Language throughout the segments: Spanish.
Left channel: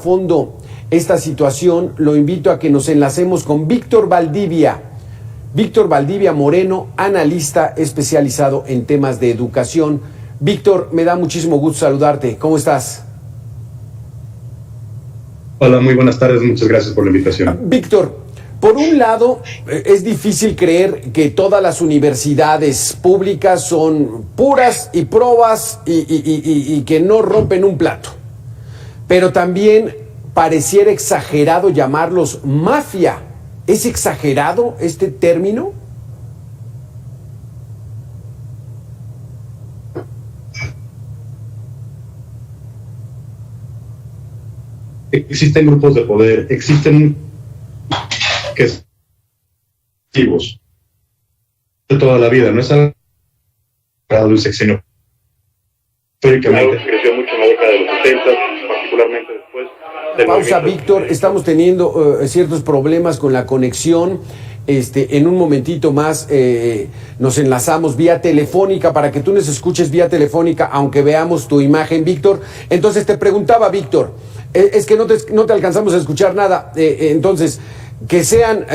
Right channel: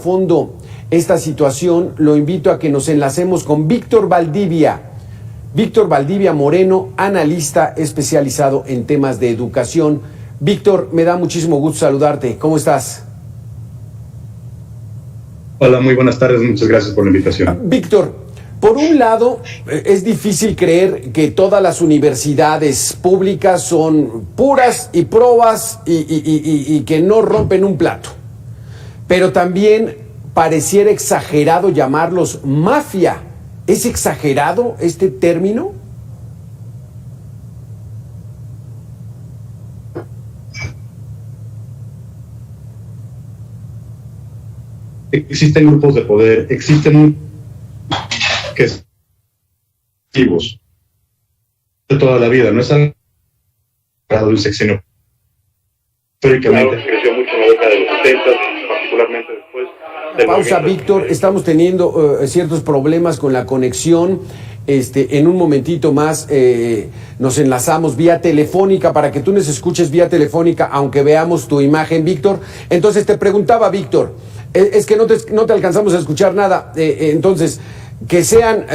fondo esta situación, lo invito a que nos enlacemos con Víctor Valdivia. Víctor Valdivia Moreno, analista especializado en temas de educación. Víctor, me da muchísimo gusto saludarte. ¿Cómo estás? Hola, muy buenas tardes. Muchas gracias por la invitación. Víctor, por un lado, es difícil creer que todas las universidades públicas son puras y probas y que no rompen un plato. Pero también pareciera exagerado llamarlos mafia. ¿Es exagerado este término? Existen grupos de poder, existen que son activos de toda la vida, no es algo de un sexenio. Históricamente creció mucho en la década de los 70, particularmente después del pausa, Víctor, estamos teniendo ciertos problemas con la conexión. En un momentito más nos enlazamos vía telefónica para que tú nos escuches vía telefónica, aunque veamos tu imagen, Víctor. Entonces te preguntaba, Víctor, es que no te alcanzamos a escuchar nada. Entonces, que sean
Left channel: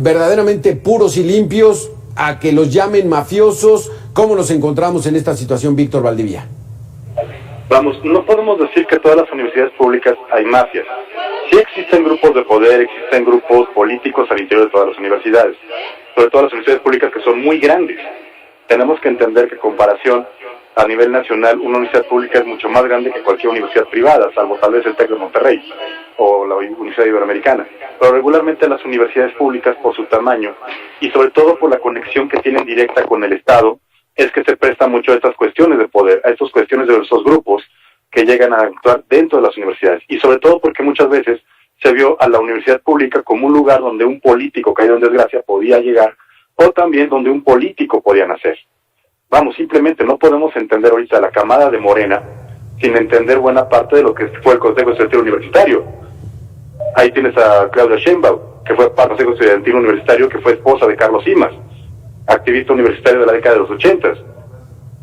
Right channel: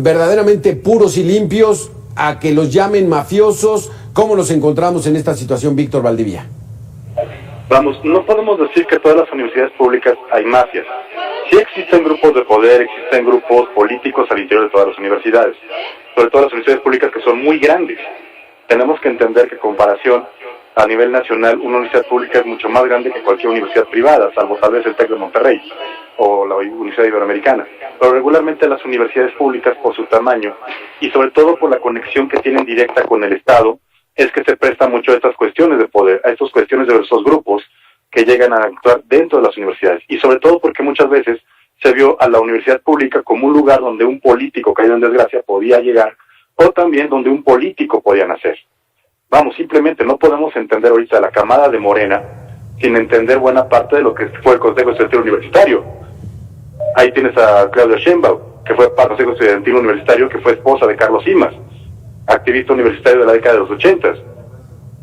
verdaderamente puros y limpios, a que los llamen mafiosos. ¿Cómo nos encontramos en esta situación, Víctor Valdivia? Vamos, no podemos decir que todas las universidades públicas hay mafias. Sí existen grupos de poder, existen grupos políticos al interior de todas las universidades, sobre todo las universidades públicas que son muy grandes. Tenemos que entender que en comparación a nivel nacional, una universidad pública es mucho más grande que cualquier universidad privada, salvo tal vez el TEC de Monterrey o la Universidad Iberoamericana. Pero regularmente las universidades públicas, por su tamaño y sobre todo por la conexión que tienen directa con el Estado, es que se presta mucho a estas cuestiones de poder, a estas cuestiones de esos grupos que llegan a actuar dentro de las universidades. Y sobre todo porque muchas veces se vio a la universidad pública como un lugar donde un político caído en desgracia podía llegar, o también donde un político podía nacer. Vamos, simplemente no podemos entender ahorita la camada de Morena sin entender buena parte de lo que fue el Consejo Estudiantil Universitario. Ahí tienes a Claudia Sheinbaum, que fue parte del Consejo Estudiantil Universitario, que fue esposa de Carlos Simas, activista universitario de la década de los 80.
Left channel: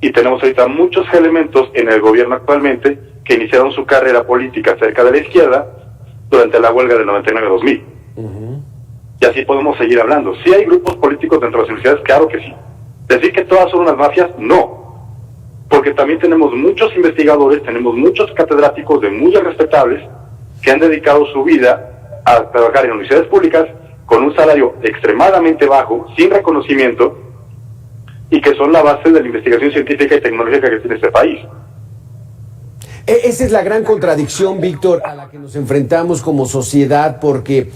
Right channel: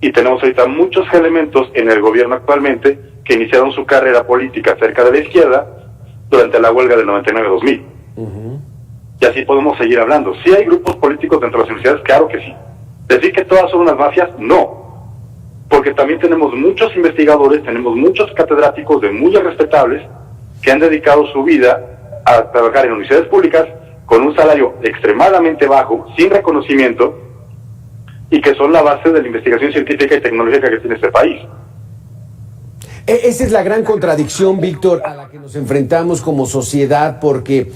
Y tenemos ahorita muchos elementos en el gobierno actualmente que iniciaron su carrera política cerca de la izquierda durante la huelga del 99-2000. Y así podemos seguir hablando. ¿Sí hay grupos políticos dentro de las universidades? Claro que sí. ¿Decir que todas son unas mafias? No. Porque también tenemos muchos investigadores, tenemos muchos catedráticos de muy respetables que han dedicado su vida a trabajar en universidades públicas con un salario extremadamente bajo, sin reconocimiento, y que son la base de la investigación científica y tecnológica que tiene este país. Esa es la gran contradicción, Víctor, a la que nos enfrentamos como sociedad, porque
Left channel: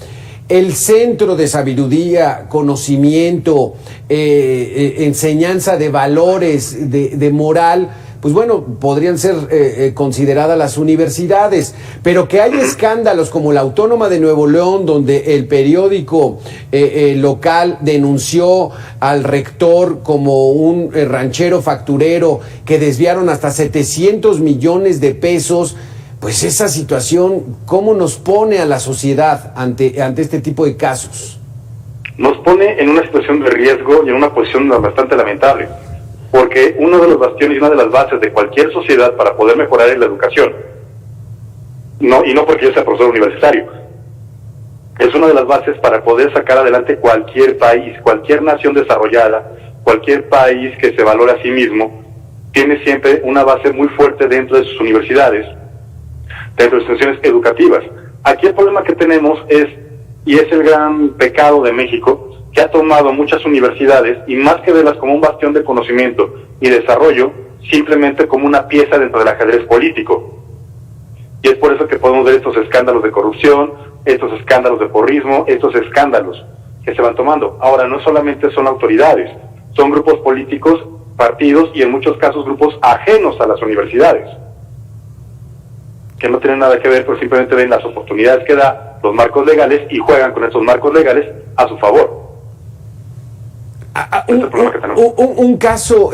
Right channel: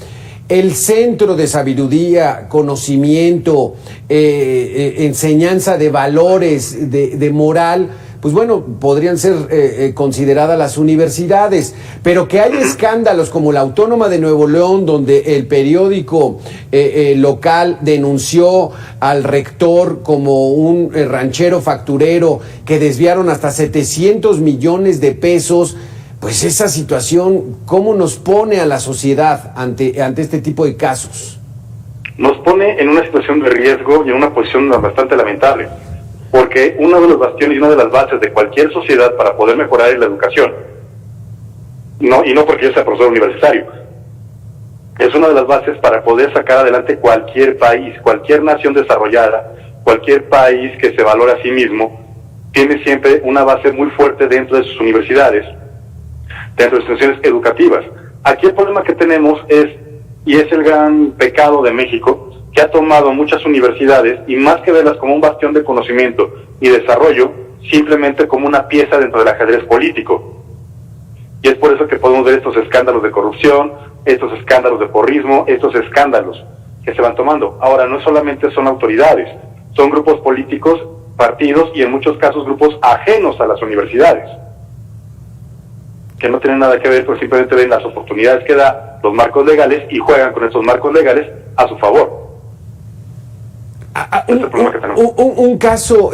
el centro de sabiduría, conocimiento, enseñanza de valores, de moral, pues bueno, podrían ser consideradas las universidades, pero que hay escándalos como la Autónoma de Nuevo León, donde el periódico local denunció al rector como un ranchero facturero, que desviaron hasta 700 millones de pesos. Pues esa situación, ¿cómo nos pone a la sociedad ante este tipo de casos? Nos pone en una situación de riesgo y en una posición bastante lamentable, porque uno de los bastiones y una de las bases de cualquier sociedad para poder mejorar es la educación. No, y no porque yo sea profesor universitario. Es una de las bases para poder sacar adelante cualquier país, cualquier nación desarrollada, cualquier país que se valore a sí mismo, tiene siempre una base muy fuerte dentro de sus universidades, dentro de sus instituciones educativas. Aquí el problema que tenemos es, y es el gran pecado de México, que ha tomado muchas universidades y más que verlas como un bastión de conocimiento y desarrollo, simplemente como una pieza dentro del ajedrez político. Y es por eso que podemos ver estos escándalos de corrupción, estos escándalos de porrismo, estos escándalos que se van tomando. Ahora, no solamente son autoridades, son grupos políticos, partidos y en muchos casos grupos ajenos a las universidades, que no tienen nada que ver, pues simplemente ven las oportunidades que da los marcos legales y juegan con esos marcos legales a su favor. Un caso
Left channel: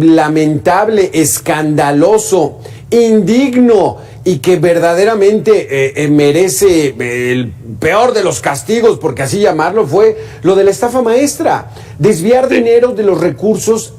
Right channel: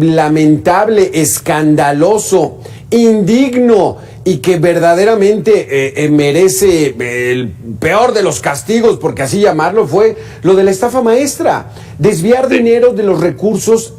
lamentable, escandaloso, indigno y que verdaderamente merece el peor de los castigos, porque así llamarlo, fue lo de la estafa maestra. Desviar dinero de los recursos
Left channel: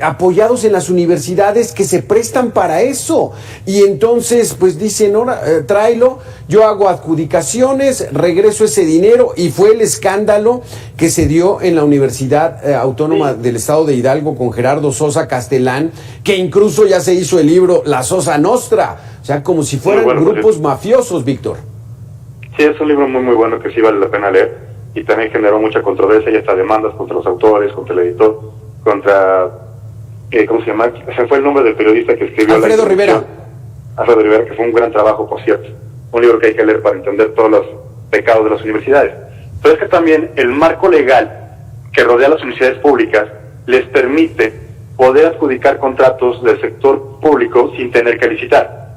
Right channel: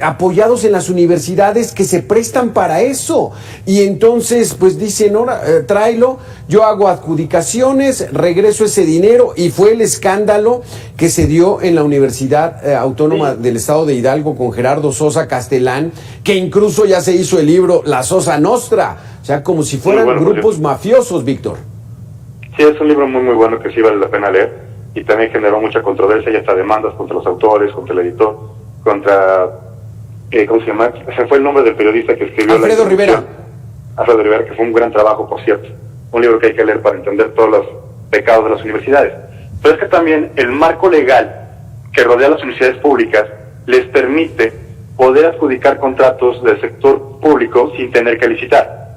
apoyados en las universidades que se prestan para eso. Y entonces, pues dicen, ahora, tráelo, yo hago adjudicaciones, regreso ese dinero, y fue el escándalo que se dio en la Universidad Autónoma del Estado de Hidalgo con Gerardo Sosa Castellán, que incluso ya se hizo el libro La Sosa Nostra, o sea, como si fueran grupos mafiosos, Víctor. Sí, es un libro muy, muy bueno que sí vale la pena leer, y también generó mucha controversia y hasta demandas contra los autores, contra el editor, contra, ¿cómo se llama? Se fue el nombre del periodista que escribió Alfredo Rivera, que fue un gran trabajo, por cierto. Un libro que hay que leer para entender todos los pecados de las universidades. Pero es que también el marco legal que rodea a las universidades públicas les permite poder adjudicar contratos del sector público sin tener que licitar.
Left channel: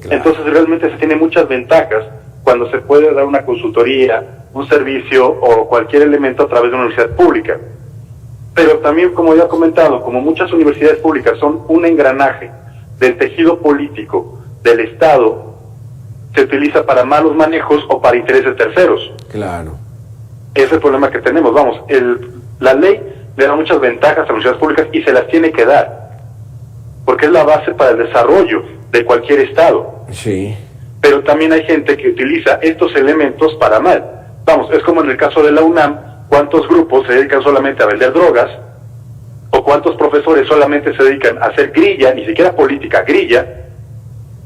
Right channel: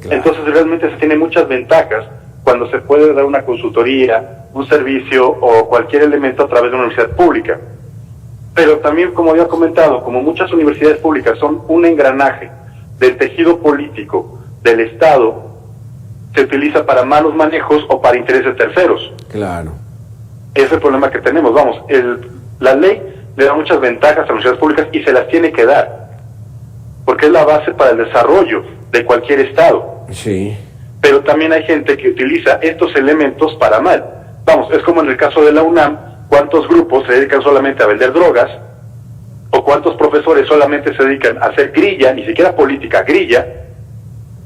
Claro. Entonces realmente se tiene muchas ventajas cuando se puede dar una consultoría, un servicio o cualquier elemento a través de una universidad pública. Pero también, como ya he comentado, como muchas universidades públicas son un engranaje del tejido político del Estado, se utiliza para malos manejos o para intereses terceros. Claro. Ese es el problema que tenemos. Vamos, la ley le da muchas ventajas a las universidades públicas y se las tiene que dar, porque es la base para el desarrollo de cualquier Estado. Sí. Pero también hay gente que utiliza estos elementos para mal. Vamos, es como en el caso de la UNAM. ¿Cuántos grupos se dedican solamente a vender drogas? ¿O cuántos profesores solamente se dedican a hacer grilla, ni siquiera política, grilla,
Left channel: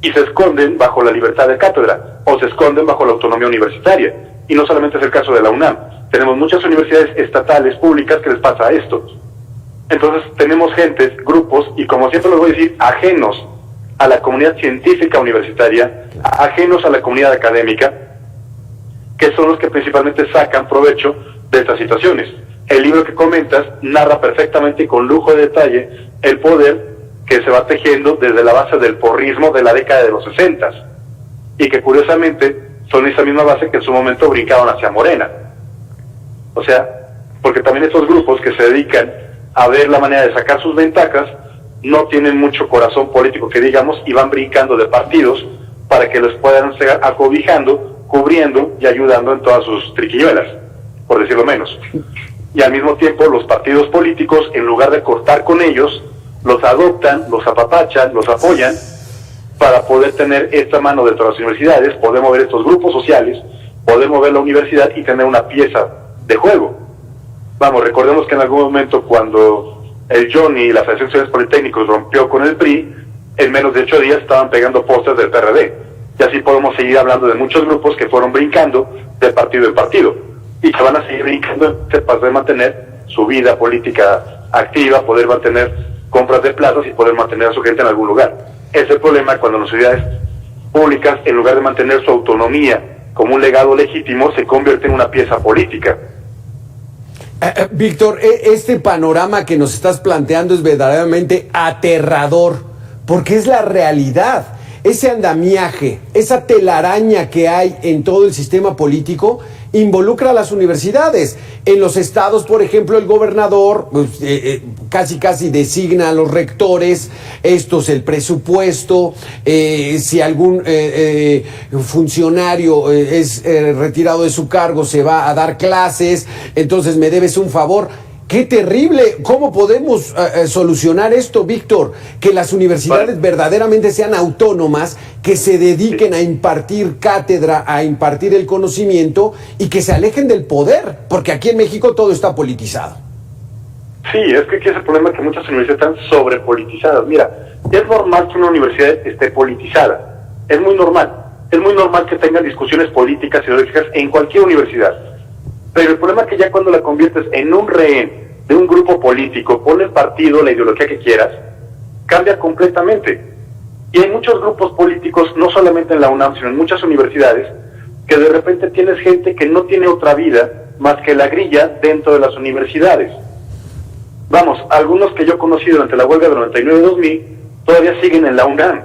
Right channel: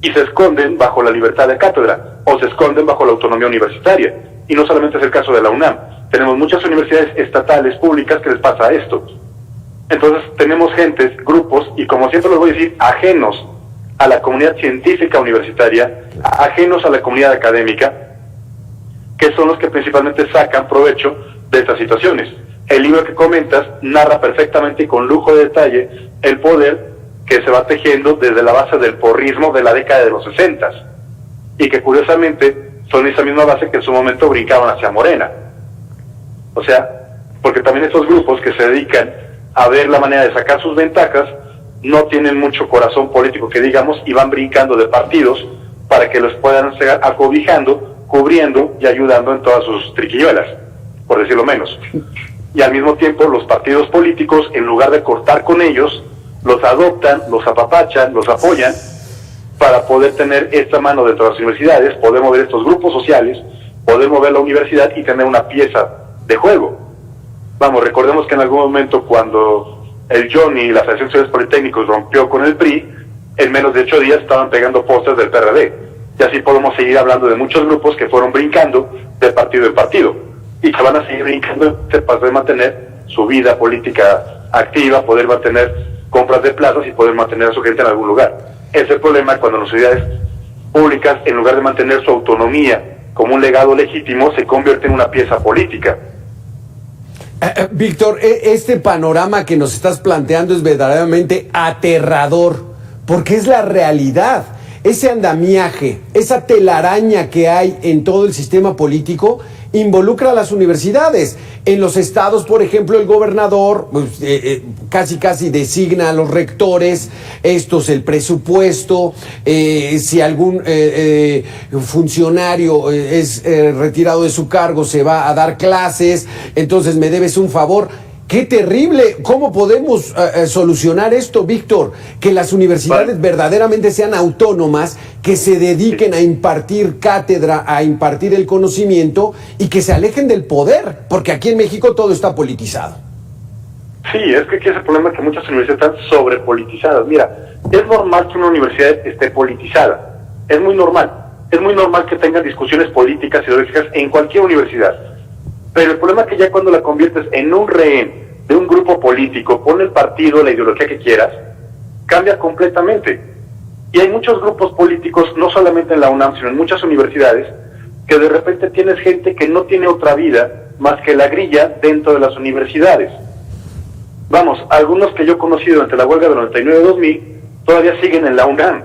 y se esconden bajo la libertad de cátedra, o se esconden bajo la autonomía universitaria? Y no solamente es el caso de la UNAM. Tenemos muchas universidades estatales, públicas, que les pasa esto. Entonces tenemos gentes, grupos, y como siempre les voy a decir, ajenos a la comunidad científica universitaria, ajenos a la comunidad académica, que son los que principalmente sacan provecho de estas situaciones. El libro que comentas narra perfectamente y con lujo de detalle el poder que se va tejiendo desde la base del porrismo de la década de los 60, y que curiosamente son esa misma base que en su momento brincaban hacia Morena. O sea, porque también estos grupos que se dedican a ver la manera de sacar sus ventajas no tienen mucho corazón político, que digamos, y van brincando de partidos para que los puedan seguir acobijando, cubriendo y ayudando en todas sus triquiñuelas, por decirlo menos. Y al mismo tiempo los partidos políticos, en lugar de cortar con ellos, los adoptan, los apapachan, los apoyan para poder tener esta mano dentro de las universidades, poder mover estos grupos sociales, poder mover la universidad y tener una pieza de juego. Vamos, recordemos que en algún momento cuando el Johnny y la Asociación de Estudiantes Politécnicos rompió con el PRI, en menos de 8 días estaban pegando pósters del PRD. Y así podemos seguir hablando de muchos grupos que fueron brincando de partido en partido y que van a seguir brincando para poder mantener su vida política activa, poder mantener compras de plazas y poder mantener a su gente en algún lugar. Ese es el problema cuando las universidades públicas, en lugar de mantener su autonomía como un legado legítimo, se convierte en una pieza política. Víctor, este panorama que nos estás planteando es verdaderamente aterrador, porque es la realidad. Ese andamiaje, esa telaraña que hay en todo el sistema político involucra a las universidades. En los estados, por ejemplo, el gobernador pues, casi designa a los rectores, estos el presupuesto, si algún funcionario es retirado de su cargo, se va a dar clases, entonces me debes un favor. ¡Qué terrible! ¿Cómo podemos solucionar esto, Víctor? Que las universidades verdaderamente sean autónomas, que se dediquen a impartir cátedra, a impartir el conocimiento y que se alejen del poder, porque aquí en México todo está politizado. Sí, es que aquí es el problema, que muchas universidades están sobrepolitizadas. Mira, es normal que una universidad esté politizada, es muy normal. Es muy normal que tengan discusiones políticas y ideológicas en cualquier universidad. Pero el problema es que ya cuando la conviertes en un rehén de un grupo político, pon el partido, la ideología que quieras, cambia completamente. Y hay muchos grupos políticos, no solamente en la UNAM, sino en muchas universidades, que de repente tienes gente que no tiene otra vida más que la grilla dentro de las universidades. Vamos, algunos que yo he conocido entre la huelga de 99-2000, todavía siguen en la UNAM,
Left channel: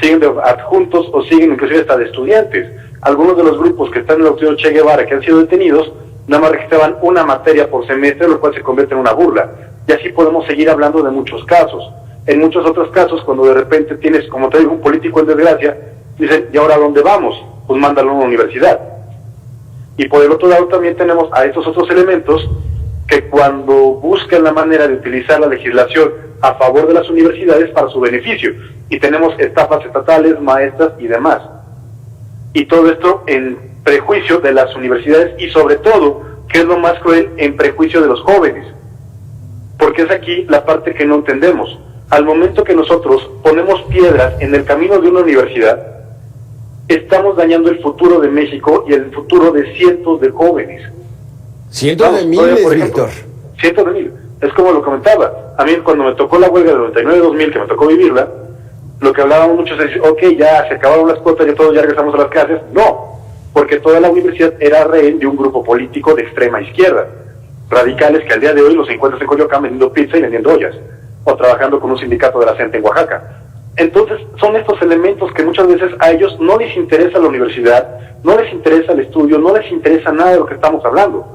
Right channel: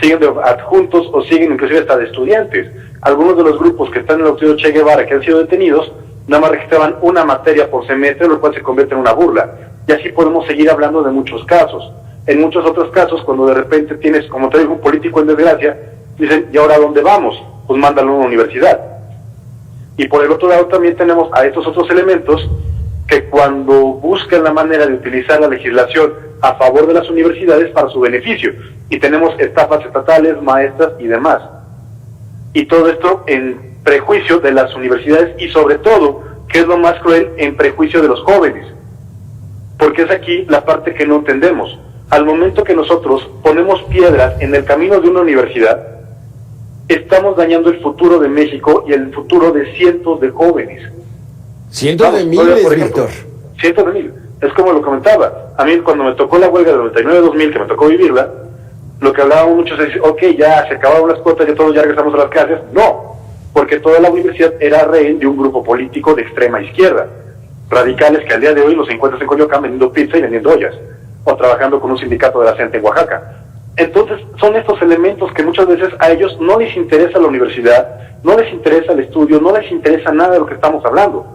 siguen de adjuntos o siguen inclusive hasta de estudiantes. Algunos de los grupos que están en el Auditorio Che Guevara, que han sido detenidos, nada más registraban una materia por semestre, lo cual se convierte en una burla. Y así podemos seguir hablando de muchos casos. En muchos otros casos, cuando de repente tienes, como te digo, un político en desgracia, dicen, ¿y ahora a dónde vamos? Pues mándalo a una universidad. Y por el otro lado también tenemos a estos otros elementos que cuando buscan la manera de utilizar la legislación a favor de las universidades para su beneficio. Y tenemos estafas estatales, maestras y demás. Y todo esto en prejuicio de las universidades y sobre todo, que es lo más cruel, en prejuicio de los jóvenes. Porque es aquí la parte que no entendemos. Al momento que nosotros ponemos piedras en el camino de una universidad, estamos dañando el futuro de México y el futuro de cientos de jóvenes. Cientos de miles, por ejemplo, Víctor. Cientos de miles. Es como lo comentaba. A mí cuando me tocó la huelga del 99-2000, que me tocó vivirla, lo que hablábamos muchos es, ok, ya se acabaron las cuotas, ya todos ya regresamos a las clases. No, porque toda la universidad era rehén de un grupo político de extrema izquierda. Radicales que al día de hoy los encuentras en Coyoacán vendiendo pizza y vendiendo ollas. O trabajando con un sindicato de la gente en Oaxaca. Entonces, son estos elementos que muchas veces a ellos no les interesa la universidad, no les interesa el estudio, no les interesa nada de lo que estamos hablando.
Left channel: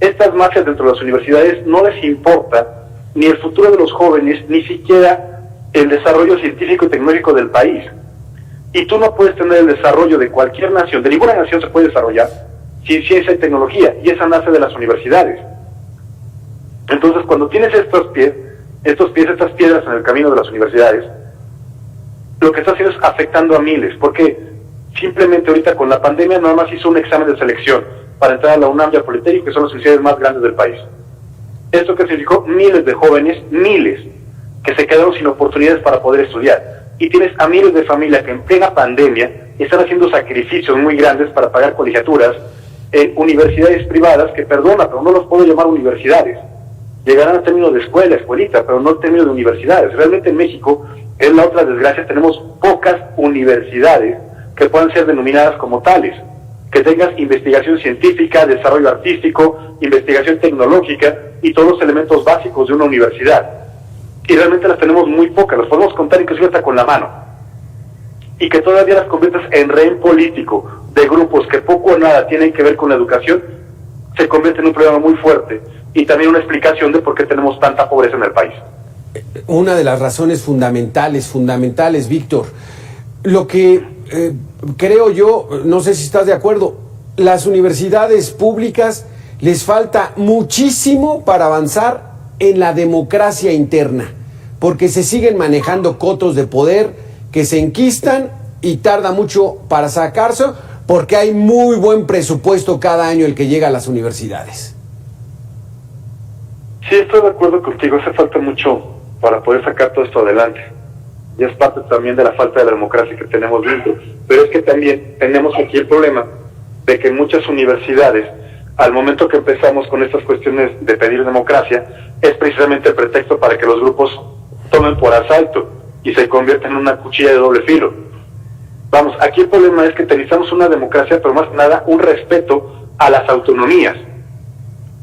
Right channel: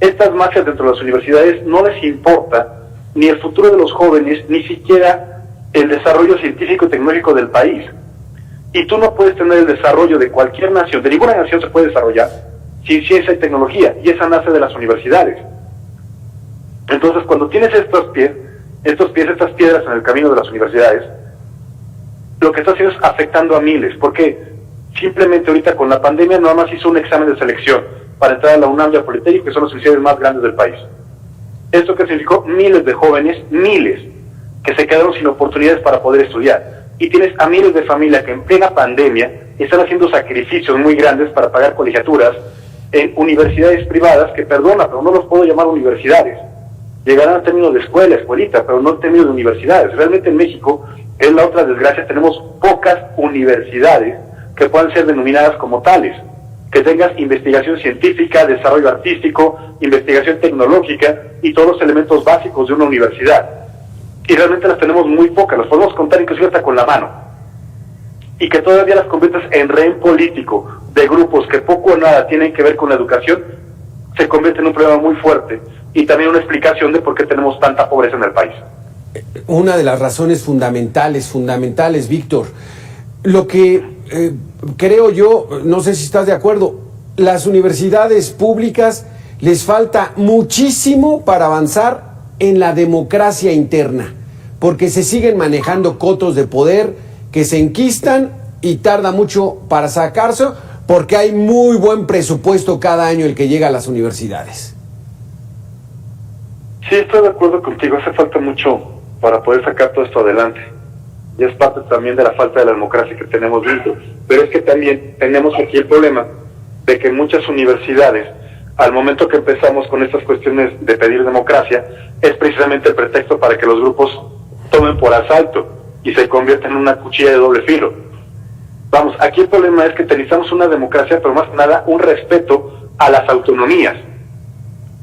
Estas mafias dentro de las universidades no les importa ni el futuro de los jóvenes, ni siquiera el desarrollo científico y tecnológico del país. Y tú no puedes tener el desarrollo de cualquier nación, de ninguna nación se puede desarrollar sin ciencia y tecnología, y esa nace de las universidades. Entonces, cuando tienes estas piedras en el camino de las universidades, lo que está haciendo es afectando a miles, porque simplemente ahorita con la pandemia nada más hizo un examen de selección para entrar a la UNAM y al Politécnico, que son las universidades más grandes del país. Esto que significó miles de jóvenes, miles, que se quedaron sin oportunidades para poder estudiar. Y tienes a miles de familias que en plena pandemia están haciendo sacrificios muy grandes para pagar colegiaturas en universidades privadas, que perdona, pero no los puedo llamar universidades. Llegarán a términos de escuela, escuelita, pero no en términos de universidades. Realmente en México, es la otra desgracia, tenemos pocas universidades que puedan ser denominadas como tales, que tengas investigación científica, desarrollo artístico, investigación tecnológica y todos los elementos básicos de una universidad. Y realmente las tenemos muy pocas, las podemos contar inclusive hasta con la mano. Y que todavía las conviertes en rehén político de grupos que poco o nada tienen que ver con la educación, se convierte en un problema muy fuerte y también una explicación de por qué tenemos tanta pobreza en el país. Una de las razones fundamentales, Víctor. Lo que creo yo, no sé si estás de acuerdo, las universidades públicas les falta muchísimo para avanzar en la democracia interna, porque se siguen manejando cotos de poder que se enquistan y tarda mucho para sacarse, porque hay muy buen presupuesto cada año el que llega a las universidades. Sí, estoy de acuerdo contigo, hace falta mucho para poder sacar todo esto adelante. Y es parte también de la falta de la democracia que tenemos dentro. Pero es que también tenemos aquí el problema de que muchas universidades, al momento que empezamos con estas cuestiones de pedir democracia, es precisamente el pretexto para que los grupos tomen por asalto y se conviertan en una cuchilla de doble filo. Vamos, aquí el problema es que necesitamos una democracia, pero más que nada un respeto a las autonomías.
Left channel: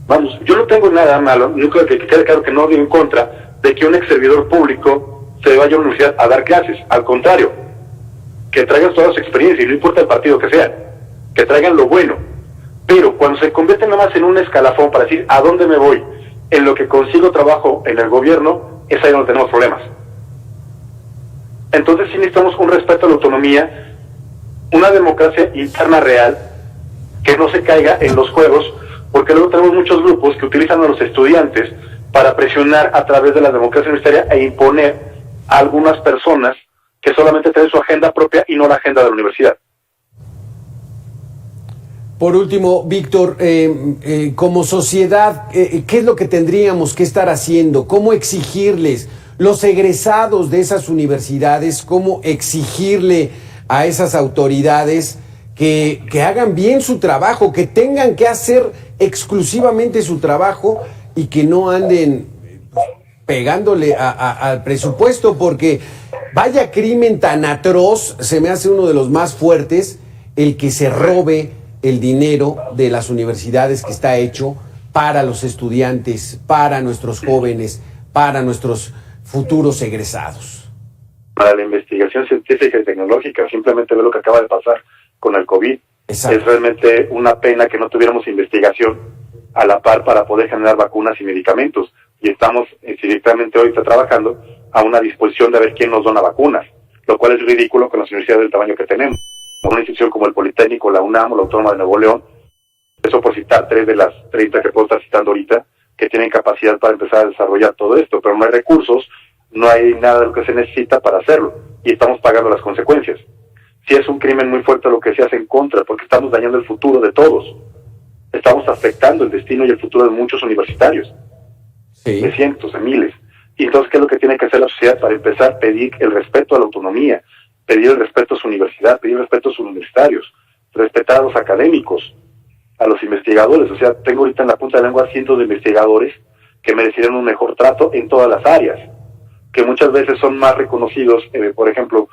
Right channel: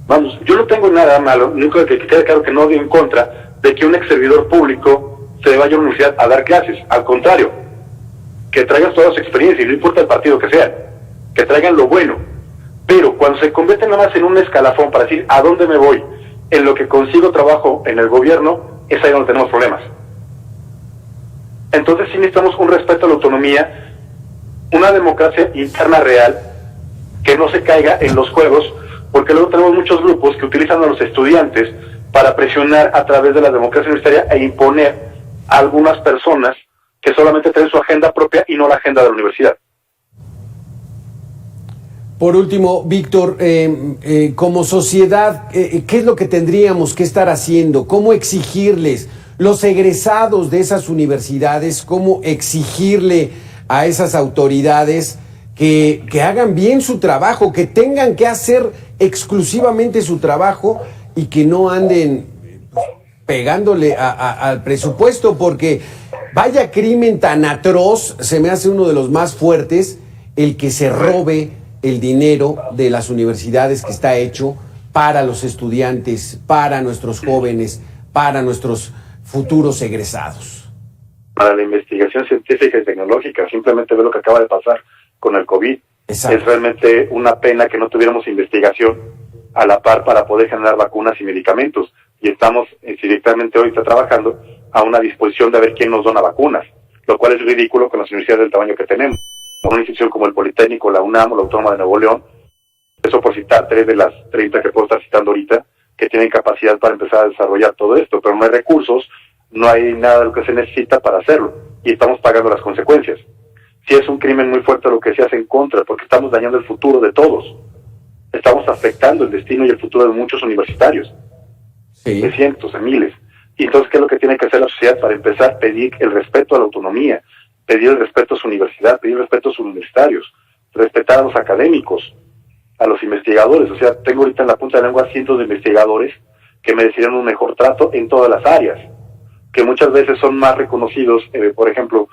Vamos, yo no tengo nada malo, nunca que quede claro que no digo en contra de que un ex servidor público se vaya a una universidad a dar clases. Al contrario, que traigan toda su experiencia, y no importa el partido que sea, que traigan lo bueno. Pero cuando se convierte nada más en un escalafón para decir a dónde me voy, en lo que consigo trabajo en el gobierno, es ahí donde tenemos problemas. Entonces sí necesitamos un respeto a la autonomía, una democracia interna real, que no se caiga en los juegos, porque luego tenemos muchos grupos que utilizan a los estudiantes para presionar a través de la democracia universitaria e imponer a algunas personas que solamente tienen su agenda propia y no la agenda de la universidad. Por último, Víctor, como sociedad, ¿qué es lo que tendríamos que estar haciendo? ¿Cómo exigirles los egresados de esas universidades? ¿Cómo exigirle a esas autoridades que hagan bien su trabajo, que tengan que hacer exclusivamente su trabajo y que no anden pegándole al presupuesto? Porque vaya crimen tan atroz, se me hace uno de los más fuertes, el que se robe el dinero de las universidades que está hecho para los estudiantes, para nuestros jóvenes, para nuestros futuros egresados. Para la investigación científica y tecnológica, simplemente ve lo que acaba de pasar con el COVID. Exacto. Es realmente una pena que no tuviéramos investigación a la par para poder generar vacunas y medicamentos. Y estamos directamente hoy trabajando a una disposición de ver quién nos dona vacunas, lo cual es ridículo con las universidades del tamaño que tenemos. Una institución como el Politécnico, la UNAM o la Autónoma de Nuevo León, eso por citar 3 de las 30 que puedo estar citando ahorita, que tienen capacidad para empezar a desarrollar todo esto, pero no hay recursos, no hay nada de lo que se necesita para hacerlo, y estamos pagando las consecuencias. Sí es un crimen muy fuerte lo que se hace en contra, porque estamos dañando el futuro de todos. Estamos afectando el destino y el futuro de muchos universitarios, Sí. de cientos, de miles. Y entonces, ¿qué es lo que tiene que hacer la sociedad para empezar a pedir el respeto a la autonomía, pedir el respeto a su universidad, pedir el respeto a sus universitarios, respetar a los académicos, a los investigadores? O sea, tengo ahorita en la punta de la lengua cientos de investigadores que merecerían un mejor trato en todas las áreas, que muchas veces son más reconocidos. Por ejemplo,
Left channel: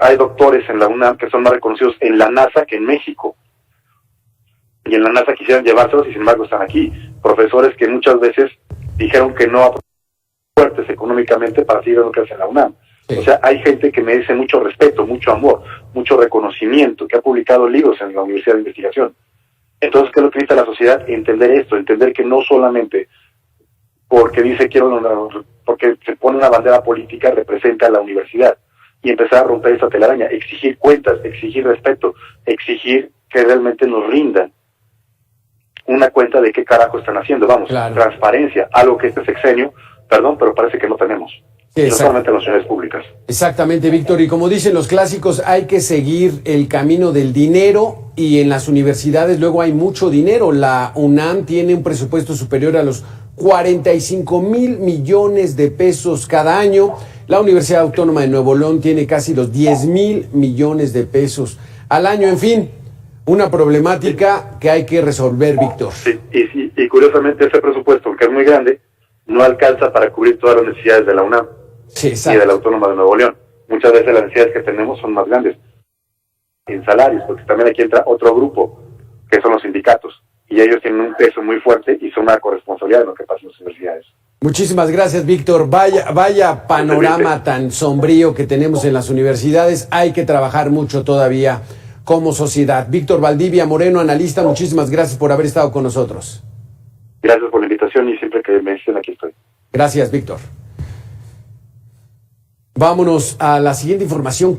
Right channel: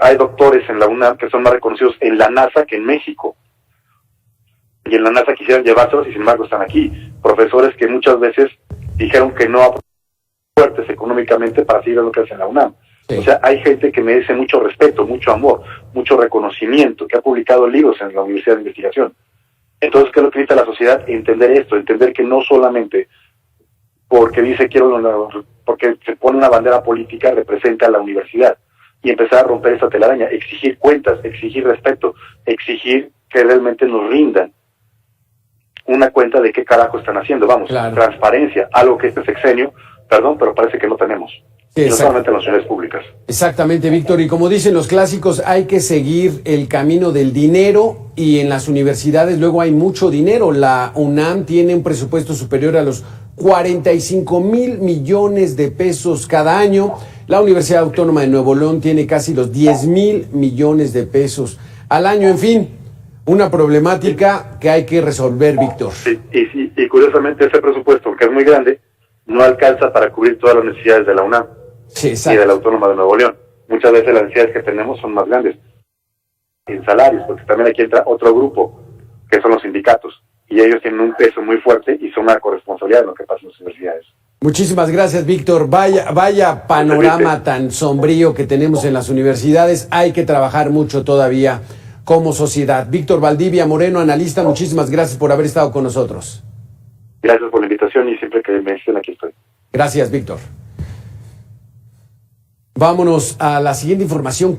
hay doctores en la UNAM que son más reconocidos en la NASA que en México, y en la NASA quisieran llevárselos y sin embargo están aquí. Profesores que muchas veces dijeron que no fuertes económicamente para seguir lo que hacen en la UNAM. Sí. O sea, hay gente que merece mucho respeto, mucho amor, mucho reconocimiento, que ha publicado libros en la Universidad de Investigación. Entonces, ¿qué es lo que necesita la sociedad? Entender esto, entender que no solamente porque dice porque se pone una bandera política representa a la universidad, y empezar a romper esa telaraña, exigir cuentas, exigir respeto, exigir que realmente nos rindan una cuenta de qué carajo están haciendo. Vamos, Claro. Transparencia, algo que este sexenio, perdón, pero parece que no tenemos. Sí, Y no solamente en las universidades públicas. Exactamente, Víctor. Y como dicen los clásicos, hay que seguir el camino del dinero, y en las universidades luego hay mucho dinero. La UNAM tiene un presupuesto superior a los 45,000 millones de pesos cada año. La Universidad Autónoma de Nuevo León tiene casi los 10,000 millones de pesos al año. En fin, una problemática que hay que resolver, Víctor. Sí, y curiosamente ese presupuesto, que es muy grande, no alcanza para cubrir todas las necesidades de la UNAM Sí, y exacto. de la Autónoma de Nuevo León. Muchas veces las necesidades que tenemos son más grandes en salarios, porque también aquí entra otro grupo, que son los sindicatos, y ellos tienen un peso muy fuerte y son una corresponsabilidad en lo que pasa en las universidades. Muchísimas gracias, Víctor. Vaya panorama tan sombrío que tenemos en las universidades. Hay que trabajar mucho todavía como sociedad. Víctor Valdivia Moreno, analista, muchísimas gracias por haber estado con nosotros. Gracias por la invitación y siempre que me necesiten aquí estoy. Gracias, Víctor. Vámonos a la siguiente información.